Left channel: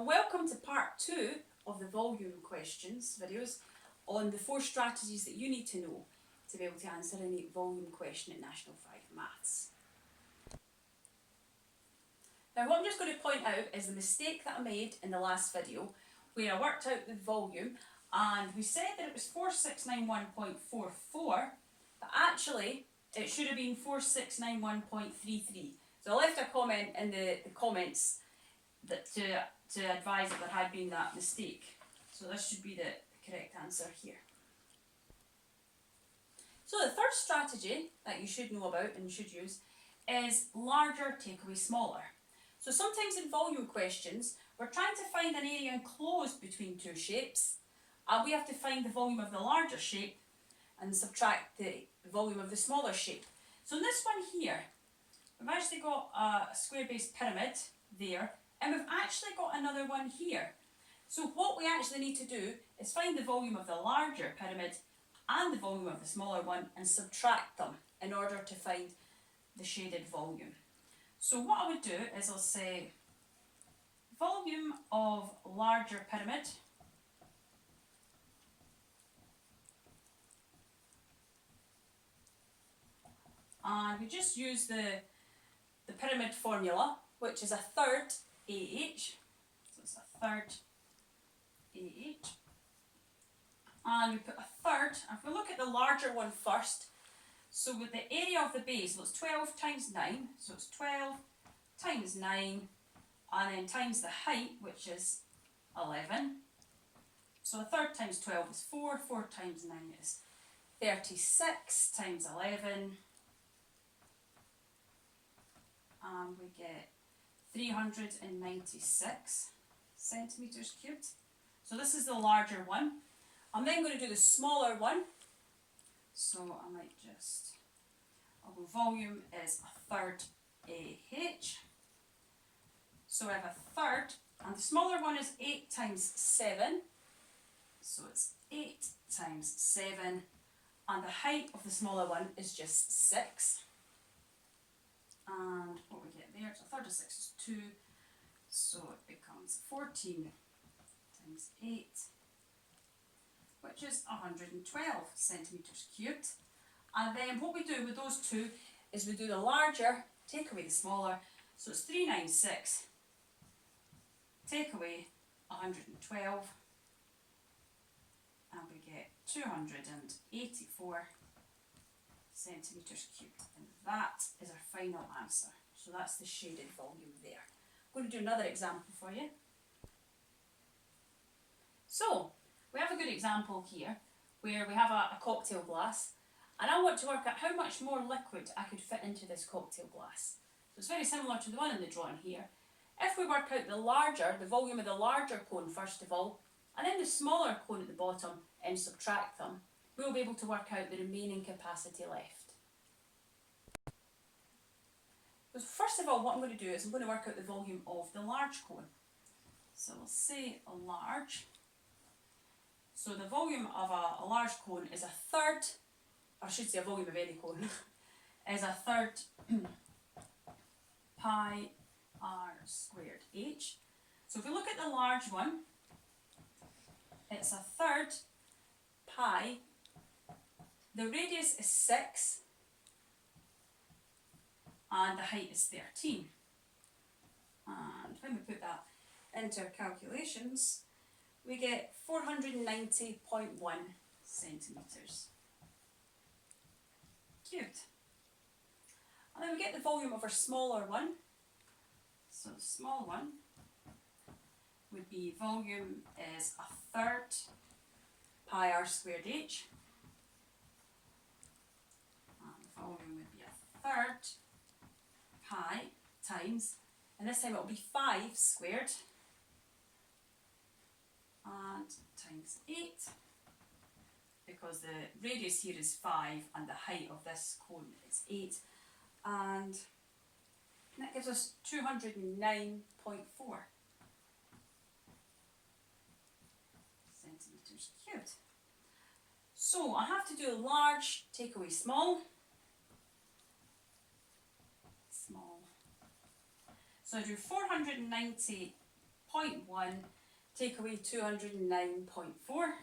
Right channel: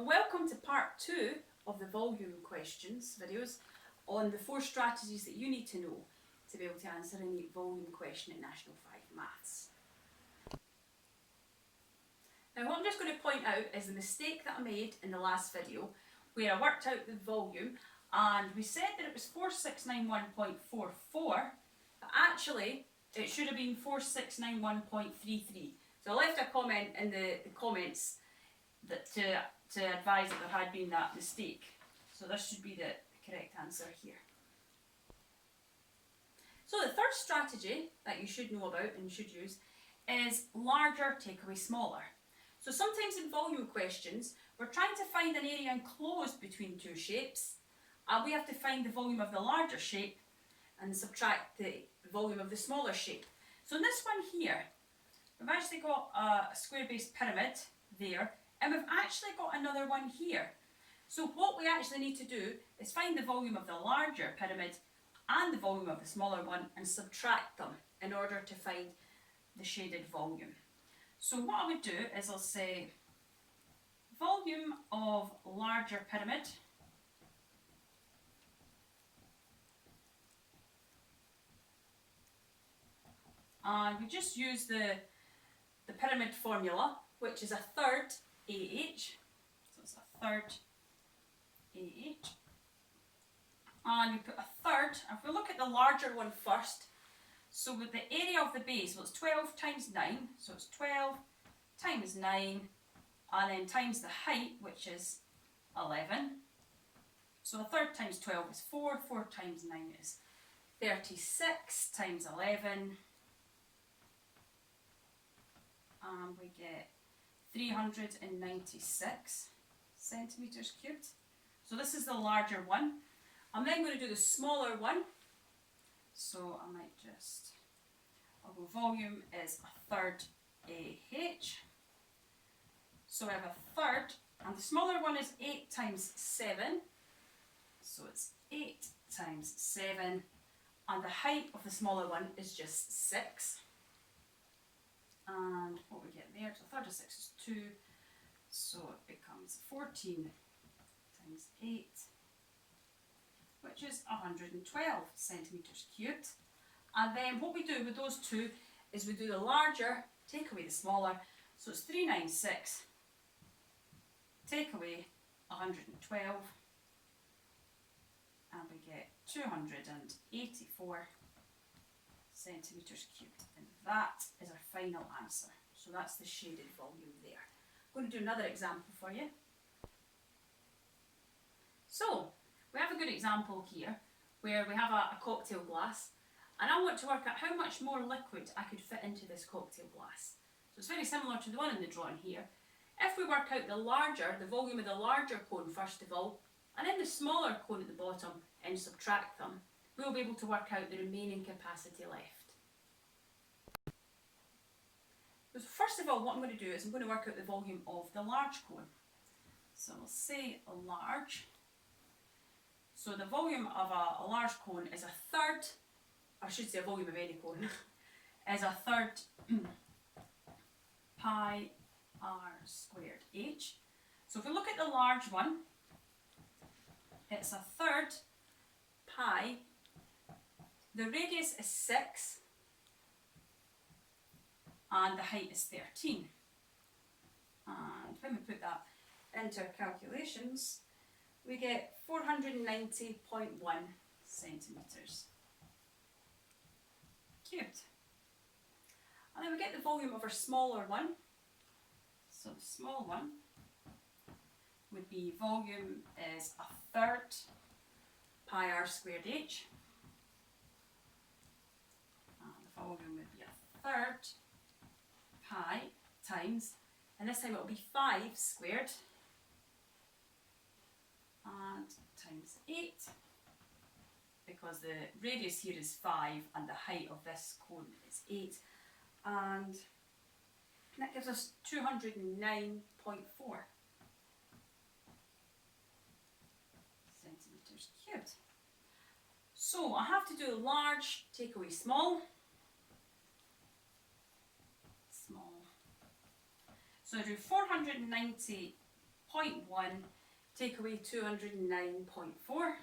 and welcome to part 2 of the volume questions videos on the 4 strategies that you need to know to be able to answer any volume question at National 5 Maths. Now what I'm just going to point out is the mistake that I made in the last video where I worked out the volume and we said that it was 4691.44, but actually it should have been 4691.33. So I left a comment in the comments that to advise that there had been that mistake. So this should be the correct answer here. So the third strategy that you should know about and you should use is larger take away smaller. So sometimes in volume questions we're trying to find an area enclosed between two shapes and we have to find the volume of the larger shape and subtract the volume of the smaller shape. So in this one here we've actually got a square-based pyramid there, and we've actually got another one here. So what we actually need to do is find the volume of the larger pyramid and the volume of the smaller one and subtract them in order to find the shaded volume. So what I would do is I'll say volume of larger pyramid and we just use the pyramid formula, which is a third AH, so it's a third AH, and we put a third, and if we look at the larger one first, so with the area of the base, well it's 12 times 9, so it's 12 times 9, and then times the height, which is 11, so a third times 12 is 4, 4 times 9 is 36 times 11, and we get 396 centimetres cubed. So this is the larger one. I'm then going to do the smaller one. So I might just, I'll go volume is a third AH. So I have a third, and the smaller one is 8 times 7. So it's 8 times 7, and the height of the smaller one is just 6. And what we get there, so a third of 6 is 2, so it becomes 14 times 8, which is 112 centimetres cubed. And then what we do with those two is we do the larger, take away the smaller, so it's 396, take away 112, and we get 284 centimetres cubed, and that is our final answer. So that's the shaded volume there. I'm going to do another example for you. So we have a good example here where we have a cocktail glass, and I want to work out how much more liquid I could fit into this cocktail glass. So it's very similar to the one in the drawing here. If we work out the volume of the larger cone first of all, and then the smaller cone at the bottom and subtract them, we'll be able to work out the remaining capacity left. So first of all, what I'm going to do is I'm going to work out the volume of the large cone. So we'll say large. So the volume of a large cone is a third, or I should say a volume of any cone, is a third pi r squared h. So if we look at the large one, it's a third pi. The radius is 6 and the height is 13. And when we put that into our calculations, we get 490.1 centimetres cubed. And then we get the volume of our smaller one. So the small one would be volume is a third pi r squared h. And the volume would be a third pi times, and this time it will be 5 squared and times 8, because the radius here is 5 and the height of this cone is 8, and that gives us 209.4 centimetres cubed. So I have to do large, take away small. So I do 490 0.1, take away 209.4.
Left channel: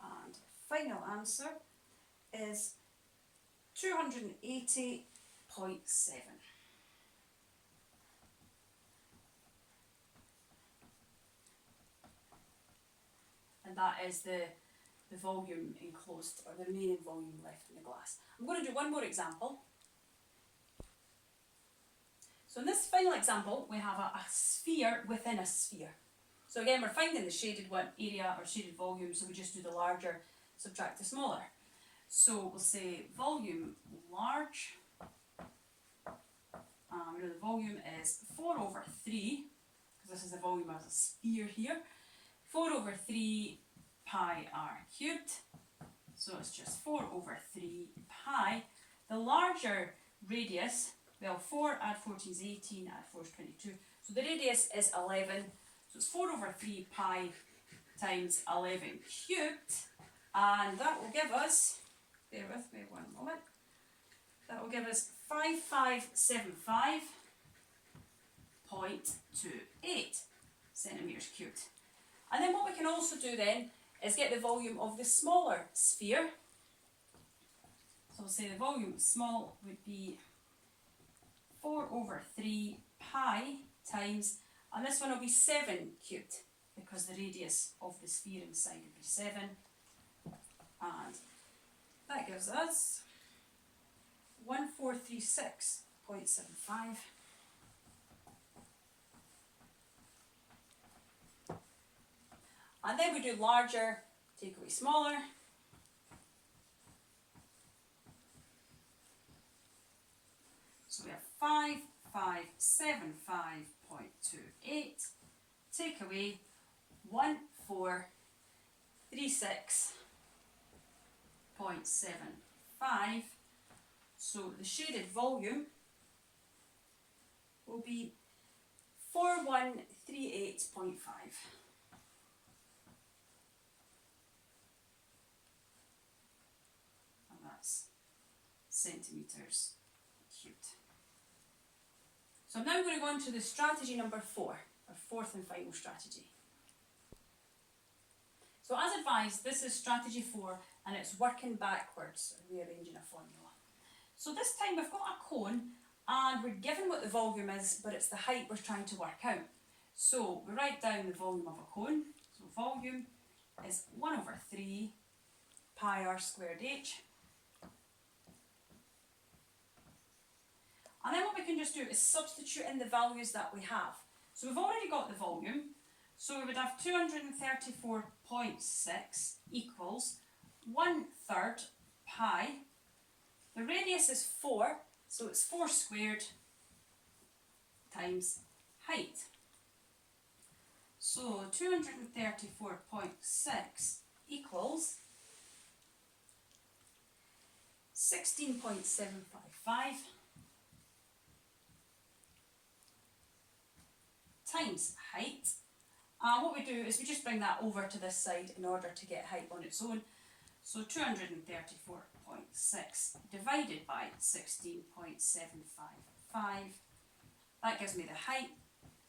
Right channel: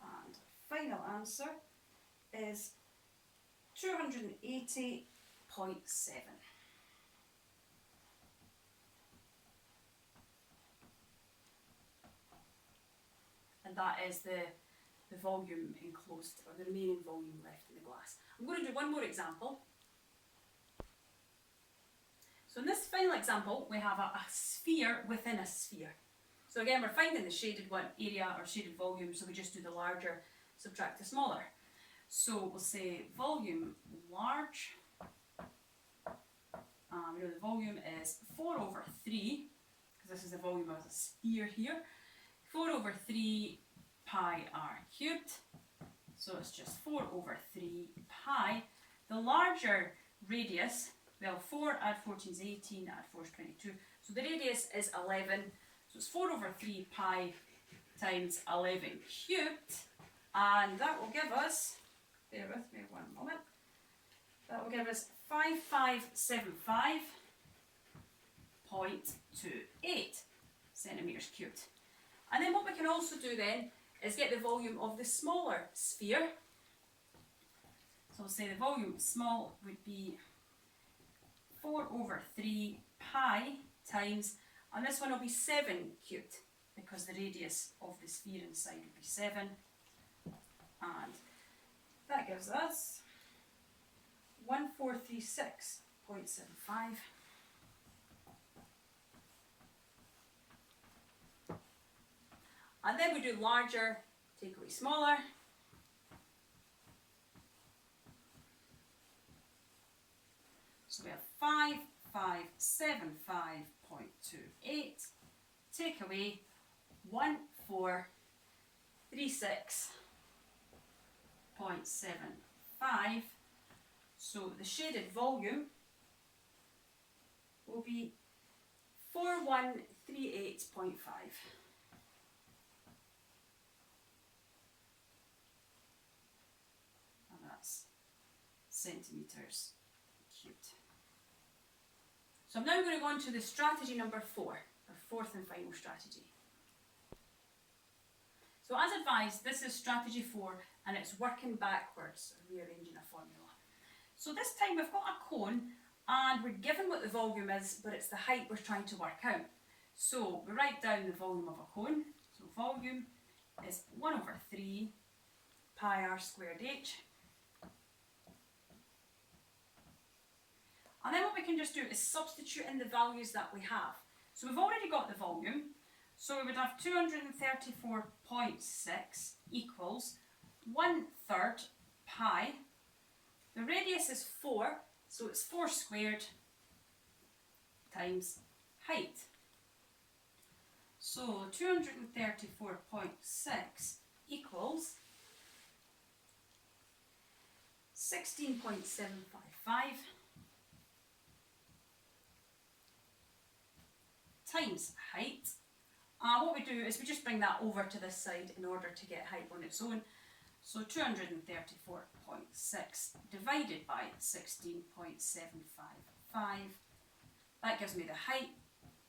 And final answer is 280.7. And that is the volume enclosed, or the remaining volume left in the glass. I'm going to do one more example. So in this final example, we have a sphere within a sphere. So again, we're finding the shaded one area or shaded volume, so we just do the larger, subtract the smaller. So we'll say volume large. We know the volume is 4 over 3, because this is the volume of a sphere here. 4 over 3 pi r cubed. So it's just 4 over 3 pi. The larger radius, well, 4 add 14 is 18, add 4 is 22. So the radius is 11. So it's 4 over 3 pi times 11 cubed. And that will give us, bear with me one moment, that will give us 5575.28 centimetres cubed. And then what we can also do then is get the volume of the smaller sphere. So we'll say the volume small would be 4 over 3 pi times, and this one will be 7 cubed, because the radius of the sphere inside would be 7. And that gives us 1436.75. And then we do larger, take away smaller. So we have 5575.28, take away 1436.75. So the shaded volume will be 4138.5. And that's centimetres cubed. So I'm now going to go on to the strategy number 4, our fourth and final strategy. So as advised, this is strategy 4 and it's working backwards, or rearranging a formula. So this time we've got a cone and we're given what the volume is, but it's the height we're trying to work out. So we write down the volume of a cone. So volume is 1 over 3 pi r squared h. And then what we can just do is substitute in the values that we have. So we've already got the volume. So we would have 234.6 equals 1/3 pi. The radius is 4, so it's 4 squared times height. So 234.6 equals 16.755 times height. What we do is we just bring that over to this side in order to get height on its own. So 234.6 divided by 16.755, that gives me the height,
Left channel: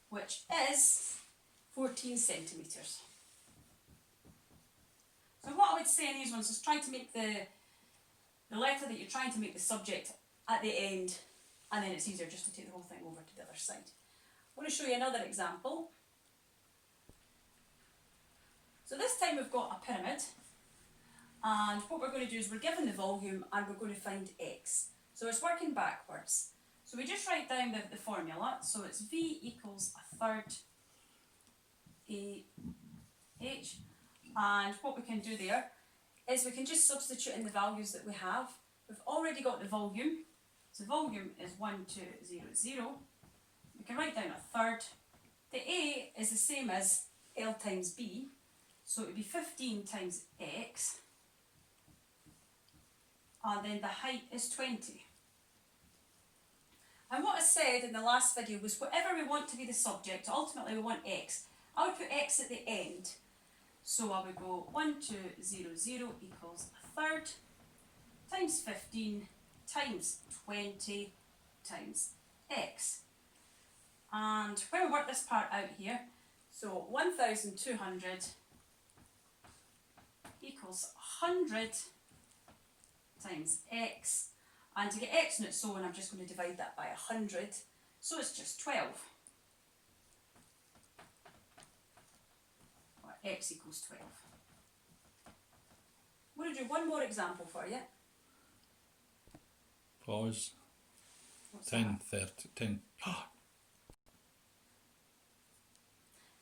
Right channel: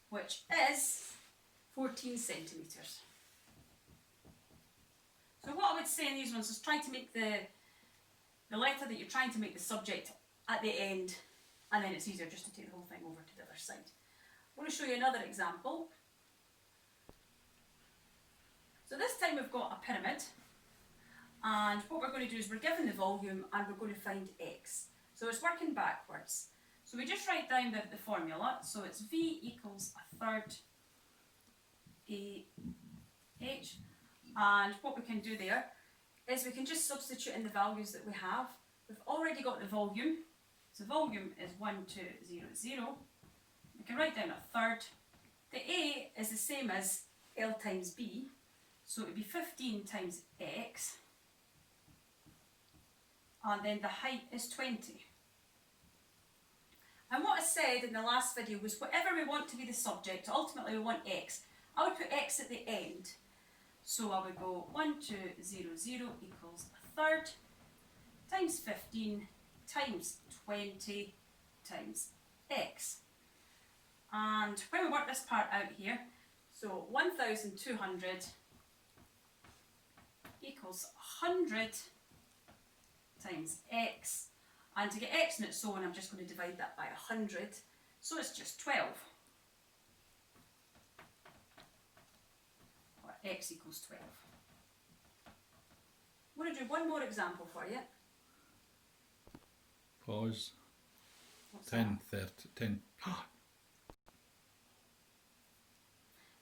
which is 14 centimetres. So what I would say in these ones is try to make the letter that you're trying to make the subject at the end, and then it's easier just to take the whole thing over to the other side. I want to show you another example. So this time we've got a pyramid, and what we're going to do is we're given the volume and we're going to find x. So it's working backwards. So we just write down the formula. So it's V equals 1/3 AH. And what we can do there is we can just substitute in the values that we have. We've already got the volume. So volume is 1200. We can write down 1/3. The A is the same as L times B. So it would be 15 times x. And then the height is 20. And what I said in the last video was whatever we want to be the subject, ultimately we want x. I would put x at the end. So I would go 1200 equals 1/3 times 15 times 20 times x. And when we work this part out here, so 1,200 equals 100 times x. And to get x in its own, I'm just going to divide that by 100. So it's just 12. Or x equals 12. I'm going to do one more example for you. Pause. What's 10, that? 10.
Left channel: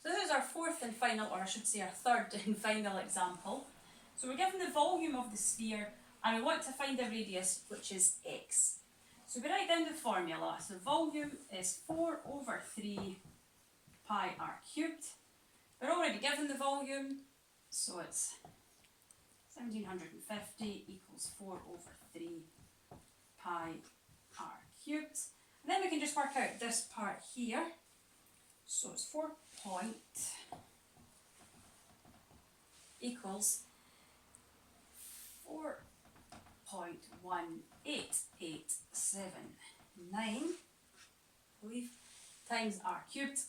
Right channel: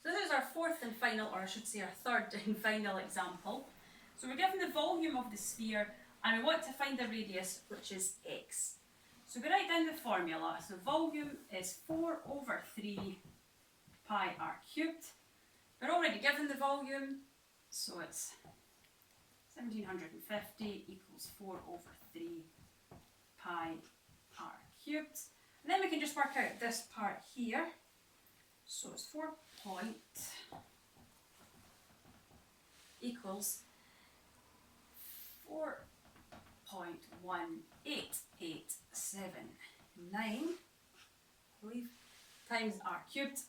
So this is our fourth and final, or I should say our third and final example. So we're given the volume of the sphere and we want to find the radius, which is x. So we write down the formula. So volume is 4 over 3 pi r cubed. We're already given the volume, so it's 1750 equals 4 over 3 pi r cubed. And then we can just work out this part here. So it's 4 point equals 4.18879, I believe, times r cubed.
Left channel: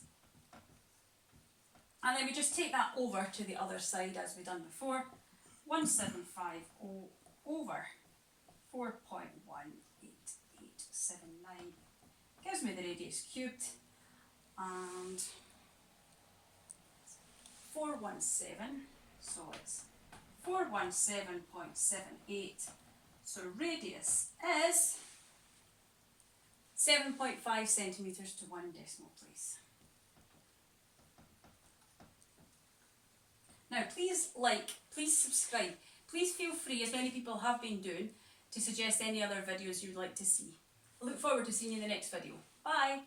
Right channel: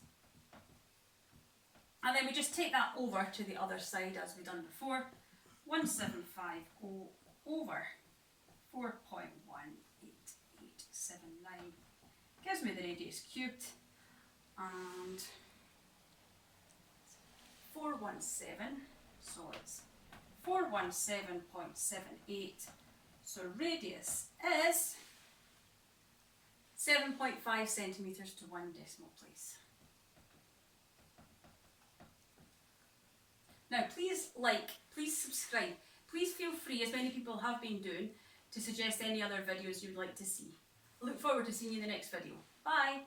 And then we just take that over to the other side as we've done before. 1750 over 4.18879 gives me the radius cubed, and 417, so it's 417.78, so radius is 7.5 centimetres to 1 decimal place. Now please like, please subscribe, please feel free, as many people have been doing, to suggest any other videos you'd like to see. I look forward to seeing you in the next video. Bye!